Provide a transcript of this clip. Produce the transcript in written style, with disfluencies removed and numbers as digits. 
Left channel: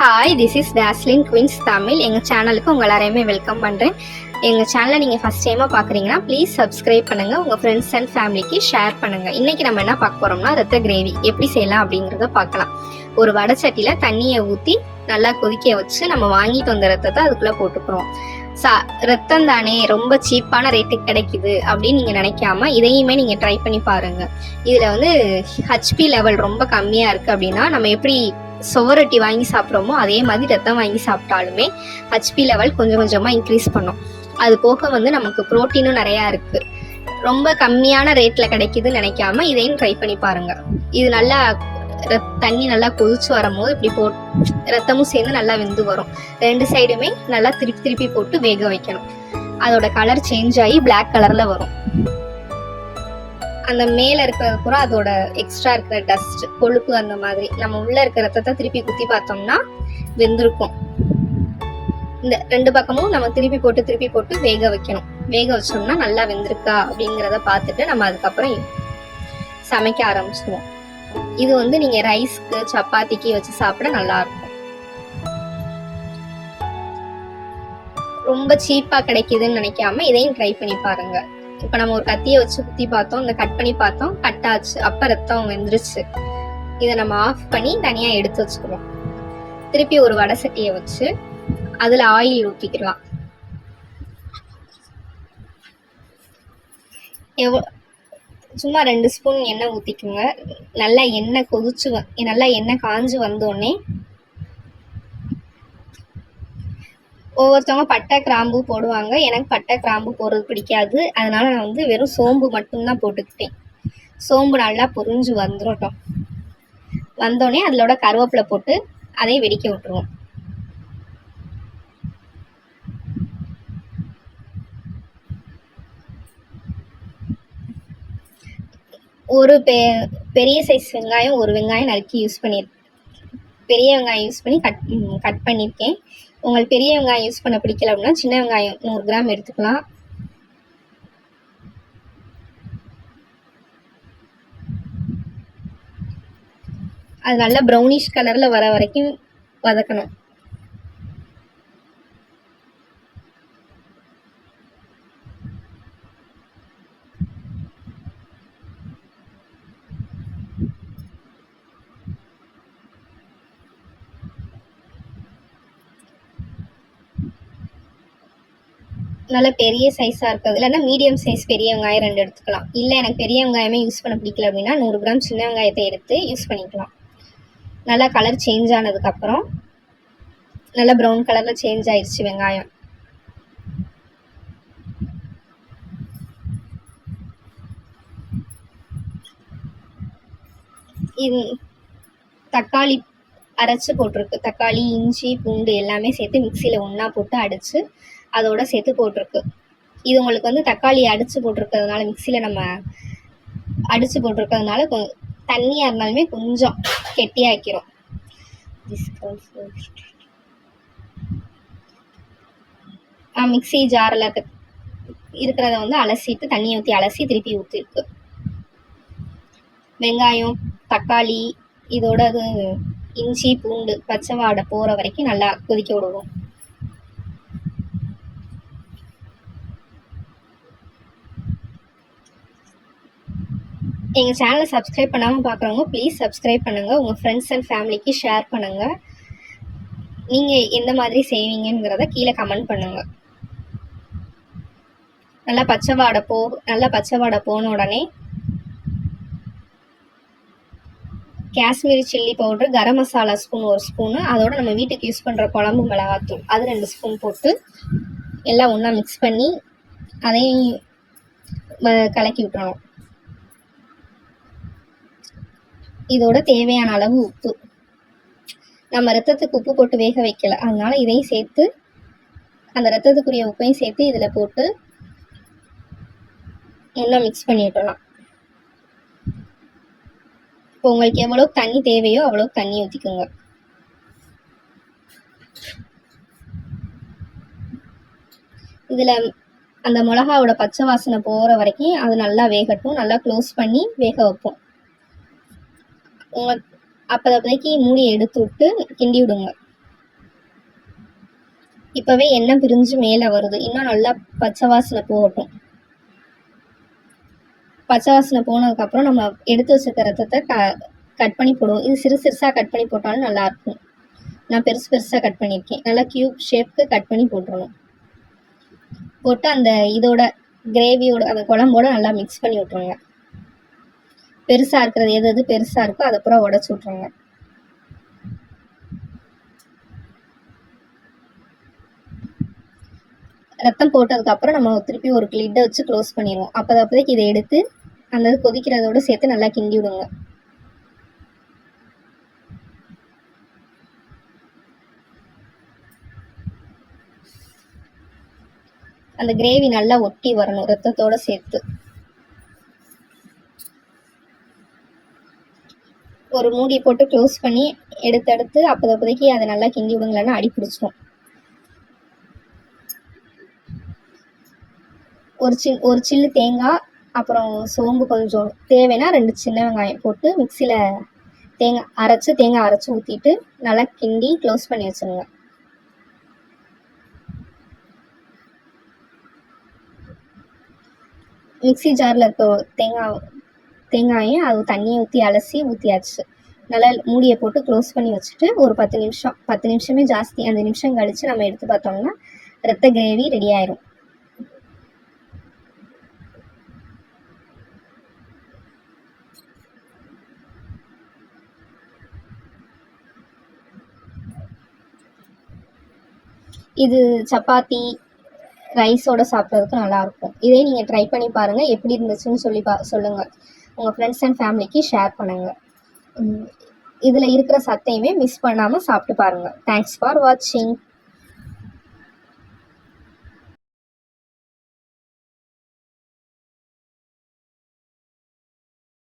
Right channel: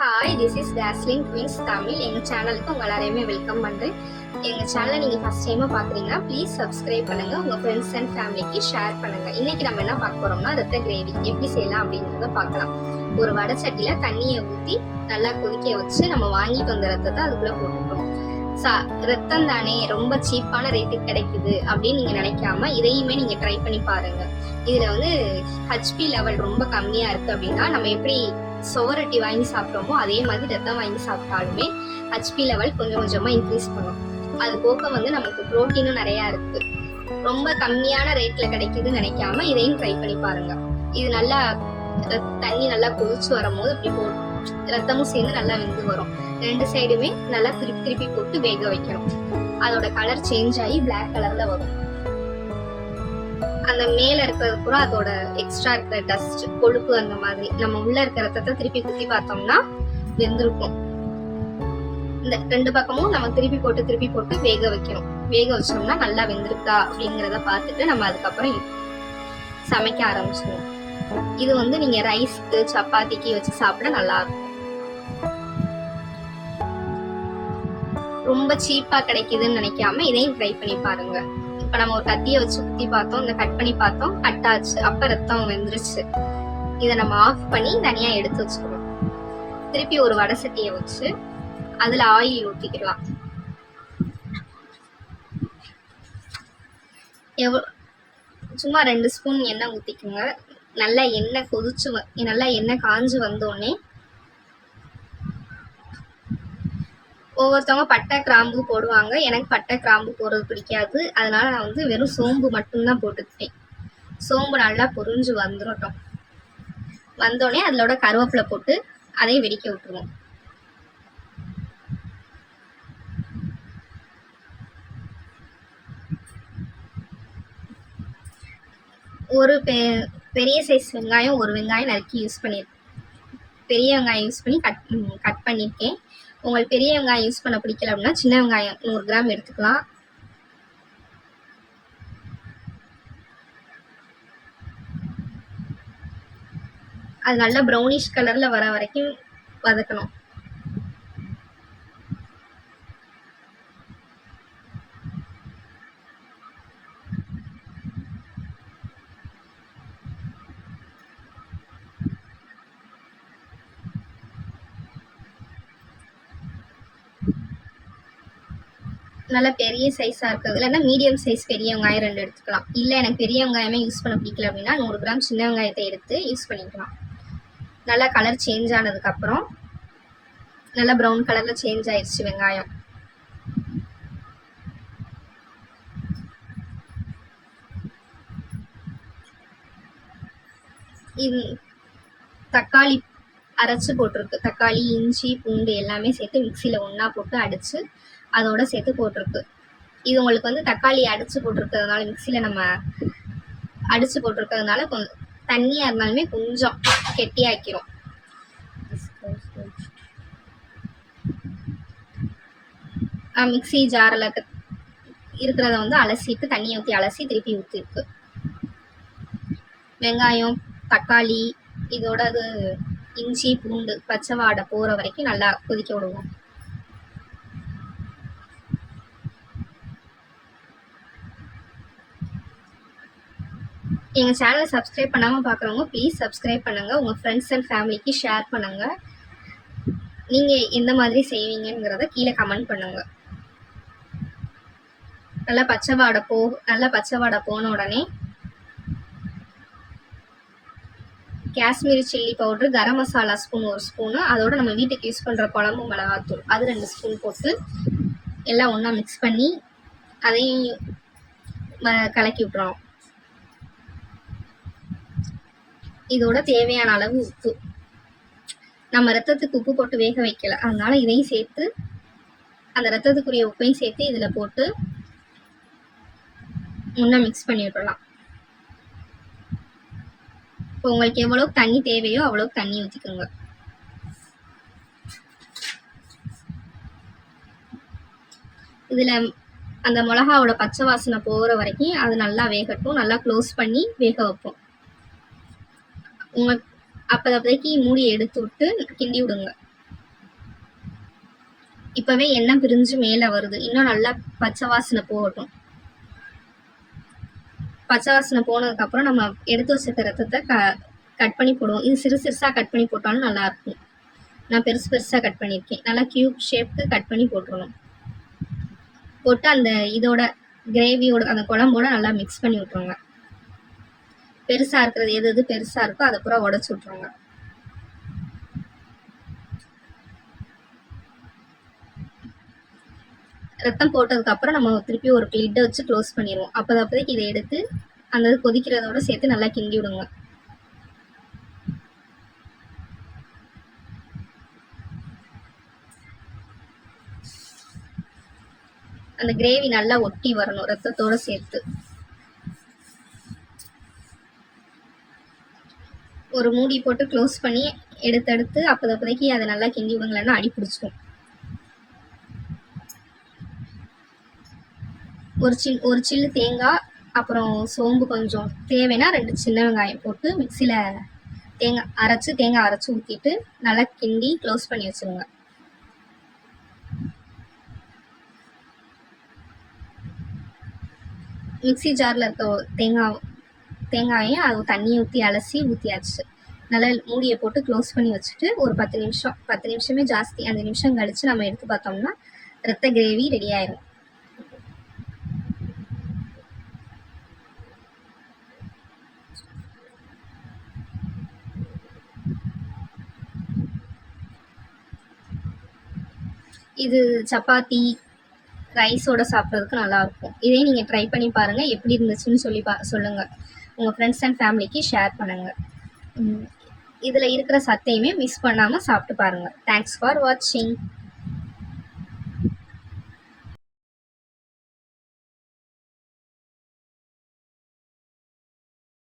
Hi, this is Daslin queens Tamil. எங்கள் சேனலுக்கு உங்கள் எல்லாரையுமே வெல்கம் பண்ணுறேன். எங்கள் சேனலை நீங்கள் ஃபஸ்ட் டைமாக பார்க்குறீங்கன்னா ப்ளீஸ் சப்ஸ்கிரைப் பண்ணுங்கள், உங்கள் ஃப்ரெண்ட்ஸ் அண்ட் ஃபேமிலிக்கு ஷேர் பண்ணுங்கள். இன்றைக்கி நம்ம என்ன பார்க்க போகிறோம்னா, ரத்த கிரேவி எப்படி செய்யலாம் அப்படிங்கிறத பார்க்கலாம். ஒரு வடை சட்டியில் தண்ணியை ஊற்றி நல்லா கொதிக்க வச்சு நம்ம வாங்கிட்டு வந்த ரத்தத்தை அதுக்குள்ளே போட்டுக்கிறோம். ரத்தம் தானே, ரொம்ப சீப்பான ரேட்டுக்கு கிடைக்குது அப்படின்னு நீங்கள் நினைக்காம இதையுமே நீங்கள் ட்ரை பண்ணி பாருங்கள். இதில் வந்து ஹெச்பி லெவல் ரொம்ப கம்மியாக இருக்குது அப்படின்னா நம்ம எப்படி சுவரொட்டி வாங்கி சாப்பிட்றோமோ அதே மாதிரி ரத்தம் வாங்கி சாப்பிட்டாலுமே ஹெச்பி லெவல் கொஞ்சம் கொஞ்சமாக இன்க்ரீஸ் பண்ணும். அது போக வந்து நமக்கு ப்ரோட்டீனும் நிறையா இருக்குது. ரொம்ப கம்மியான ரேட்டில் கிடைக்குதுன்னு நினைக்காம இதையும் ட்ரை பண்ணி பாருங்கள். இது நல்லா தண்ணி நல்லா கொதிச்சு வரும்போது இப்படி ரத்தமும் சேர்ந்து நல்லா வெந்து வரும். ரெண்டு சைடுமே நல்லா திருப்பி திருப்பி போட்டு வேக வைக்கணும். அதோட கலர் சேஞ்ச் ஆகி பிளாக் கலர்ல வரும். அந்த மேல இருக்கிறது பூரா அதோட எக்ஸ்ட்ரா இருக்கிற டஸ்ட், கொழுப்பு, அந்த மாதிரி நம்ம உள்ள இருக்கிற ரத்தத்தை திருப்பி குத்தி பார்த்தோம்னா வெந்திருக்கும். இந்த ரெண்டு பக்கமும் நம்ம திருப்பி போட்டு வேக வைக்கணும். வேக வச்சோம்னா நல்லா வெந்திருக்கா அப்படிங்கிறத பார்த்துட்டு நம்ம அதுக்கப்புறம் சமைக்க ஆரம்பிச்சிடுவோம். இது வந்து நீங்க ரைஸ்க்கு சப்பாத்திக்கு வச்சு சாப்பிட நல்லா இருக்கும். ரொம்ப சீப்பா கிடைக்குதுன்னு நினைக்காம இதையும் ட்ரை பண்ணி பாருங்க. இப்ப நம்ம ஒரு கத்தியை வச்சு குத்தி பார்த்தோம், இந்த கட் பண்ணி பார்த்தோம், கட் ஆச்சு, அப்ப ரத்தம் வெந்துருச்சு. இதை நம்ம ஆஃப் பண்ணி தனியா எடுத்து வச்சுக்கிறோம். திருப்பி ஒரு வடை சட்டியை வச்சு அதுல ஆயில் ஊற்றிக்கலாம். சும்மா 2 ஸ்பூன் எண்ணெய் ஊற்றிக்குங்க. நல்லா எண்ணெய் கொதிச்சு நல்லா எண்ணெய் காஞ்சு வந்தோடனே ஒவ்வொருத்தவங்க பட்டை கிராம்பு போடுவாங்க. எனக்கு பட்டை கிராம்பு போடுறது பிடிக்காது. அதனால நான் வந்து வெறும் சோம்பு மட்டும்தான் போட்டுக்கிட்டேன். சோம்பு நல்லா பொரிஞ்சு வந்துடட்டும். வந்தோடனே அதோட கருவேப்பிலை போட்டு அதையும் வெடிக்க விட்டுருவோம். ஒரு பெரிய சைஸ் வெங்காயம், ஒரு வெங்காயம் நறுக்கி பெரிய வெங்காயம் யூஸ் பண்ணி கட் பண்ணியிருக்கேன். உங்களுக்கு பெரிய வெங்காயம் யூஸ் பண்ண பிடிக்கல அப்படின்னா சின்ன வெங்காயம் 100 கிராம் எடுத்துக்கலாம். அது நல்லா ப்ரௌனிஷ் கலர்ல வர வரைக்கும் வதக்கணும். நல்லா பெரிய சைஸாக இருக்குது, இல்லைன்னா மீடியம் சைஸ் பெரிய வெங்காயம் 2 எடுத்துக்கலாம். இல்லை எனக்கு பெரிய வெங்காயமே யூஸ் பண்ண பிடிக்கல அப்படின்னா 100 கிராம் சின்ன வெங்காயத்தை எடுத்து யூஸ் பண்ணிக்கலாம். நல்லா கலர் சேஞ்ச் ஆனதுக்கப்புறம் நல்லா ப்ரௌன் கலரில் சேஞ்ச் ஆயிடுச்சு வெங்காயம். இது தக்காளி அரைச்சி போட்டிருக்கு. தக்காளி, இஞ்சி, பூண்டு எல்லாமே சேர்த்து மிக்சியில் ஒன்றா போட்டு அடித்து அதோட சேர்த்து போட்டிருக்கு. இது உங்களுக்கு வந்து தக்காளி அடித்து போட்டிருக்கிறதுனால, மிக்சியில் நம்ம அடித்து போட்டிருக்கிறதுனால கொஞ்சம் தண்ணியாக இருந்தாலுமே கொஞ்சம் கெட்டியாக்கிறோம். மிக்சி ஜாரில் இருக்கிறத வந்து அலசிட்டு தண்ணியை ஊற்றி அலசி திருப்பி ஊற்றிருக்கு. வெங்காயம், தக்காளி, இதோட அது இஞ்சி, பூண்டு பச்சை வாடை போகிற வரைக்கும் நல்லா கொதிக்க விடுவோம். எங்கள் சேனலை சப்ஸ்கிரைப் பண்ணாமல் பார்க்குறவங்க ப்ளீஸ் சப்ஸ்கிரைப் பண்ணுங்கள், உங்கள் ஃப்ரெண்ட்ஸ் அண்ட் ஃபேமிலிக்கு ஷேர் பண்ணுங்கள். நீங்கள் எந்த மாதிரி செய்வீங்கிறத கீழே கமெண்ட் பண்ணுங்கள். நல்லா பச்சை வாடை போன உடனே Kashmiri chilli powder, garam masala spoon 1 spoon, அதோட நம்ம வீட்டுக்கு யூஸ் பண்ணுற குழம்பு மிளகாத்தூள் அது 2 ஸ்பூன் போட்டு எல்லாம் ஒன்றா மிக்ஸ் பண்ணி அதையும் கலக்கி விட்டுறோம். இதோட தேவையான அளவு உப்பு, நம்ம ரத்தத்துக்கு உப்பு போட்டு வேக வைக்கல, அதனால இதையும் சேர்த்து அந்த ரத்தத்துக்குரிய உப்பையும் சேர்த்து இதில் போட்டு ஒன்றா மிக்ஸ் பண்ணி விட்டுறலாம். இப்போ உங்களுக்கு எவ்வளோக்கு தண்ணி தேவையோ அவ்வளோக்கு தண்ணி ஊற்றிக்கோங்க. இதில் அந்த மிளகாவோட பச்சை வாசனை போகிற வரைக்கும் அது நல்லா வேகட்டும். நல்லா க்ளோஸ் பண்ணி வேக வைப்போம். அப்போதைக்கு மூடி எடுத்து விட்டு கிண்டி விடுங்க. இப்போவே எண்ணெய் பிரிஞ்சு மேலே வருது. இன்னும் நல்லா பச்சை வாசனை போகட்டும். பச்சை வாசனை போனதுக்கப்புறம் நம்ம எடுத்து வச்சுருக்க ரத்தத்தை கட் பண்ணி போடுவோம். இது சிறுசாக கட் பண்ணி போட்டாலும் நல்லாயிருக்கும். நான் பெருசாக கட் பண்ணியிருக்கேன். நல்லா க்யூப் ஷேப்க்கு கட் பண்ணி போட்டுருணும். போட்டு அந்த இதோட கிரேவியோட அந்த குழம்போட நல்லா மிக்ஸ் பண்ணி விட்ருங்க. பெருசாக இருக்கிறது எது பெருசாக இருக்கோ அதை பூரா உடச்சி விட்ருங்க. ரத்தம் போட்டதுக்கப்புறம் நம்ம திருப்பி ஒரு லிட்டை வச்சு க்ளோஸ் பண்ணிடுவோம். அப்போதைக்கு இதை எடுத்து அந்த கொதிக்கிறதோடு சேர்த்து நல்லா கிண்டி விடுங்க. அந்த கிரேவி நல்லா ஒட்டி வரணும் ரத்தத்தோடு சேர்த்து. ஒரு மூடி போட்டு க்ளோஸ் பண்ணி எடுத்து அப்போதைக்கு அதை நல்லா கிண்டி விடுங்களேன்னா அடி பிடிச்சிடும். ஒரு சில்லு தேங்காய், அப்புறம் சோம்பு கொஞ்சம், தேவைன்னா 2 சின்ன வெங்காயம் போட்டு மிக்சியில் தேங்காய் அரைச்சி ஊற்றிட்டு நல்லா கிண்டி க்ளோஸ் பண்ணி வச்சுருங்க. மிக்சி ஜாரில் இருக்க தேங்காயும் அது தண்ணியை ஊற்றி அலசி ஊற்றியாச்சு. நல்லா மூடியை போட்டு க்ளோஸ் பண்ணி வச்சுட்டு ஒரு 10 நிமிஷமே ஜாஸ்தி, 5 நிமிஷம் கழித்து நம்ம எடுத்து பார்த்தோம்னா ரத்த கிரேவி ரெடி ஆயிரும். இது சப்பாத்தி ரைஸோட சாப்பிட்றதுக்கு நல்லாயிருக்கும். இதே நீங்கள் ட்ரை பண்ணி பாருங்கள். எப்படி இருந்துச்சுன்னு சொல்லுங்கள். உங்கள் ஃப்ரெண்ட்ஸ் அண்ட் ஃபேமிலிக்கு ஷேர் பண்ணுங்கள். இதில் இருக்கிற சத்தையுமே மிஸ் பண்ணாமல் சாப்பிட்டு பாருங்கள். தேங்க்ஸ் ஃபார் வாட்சிங்.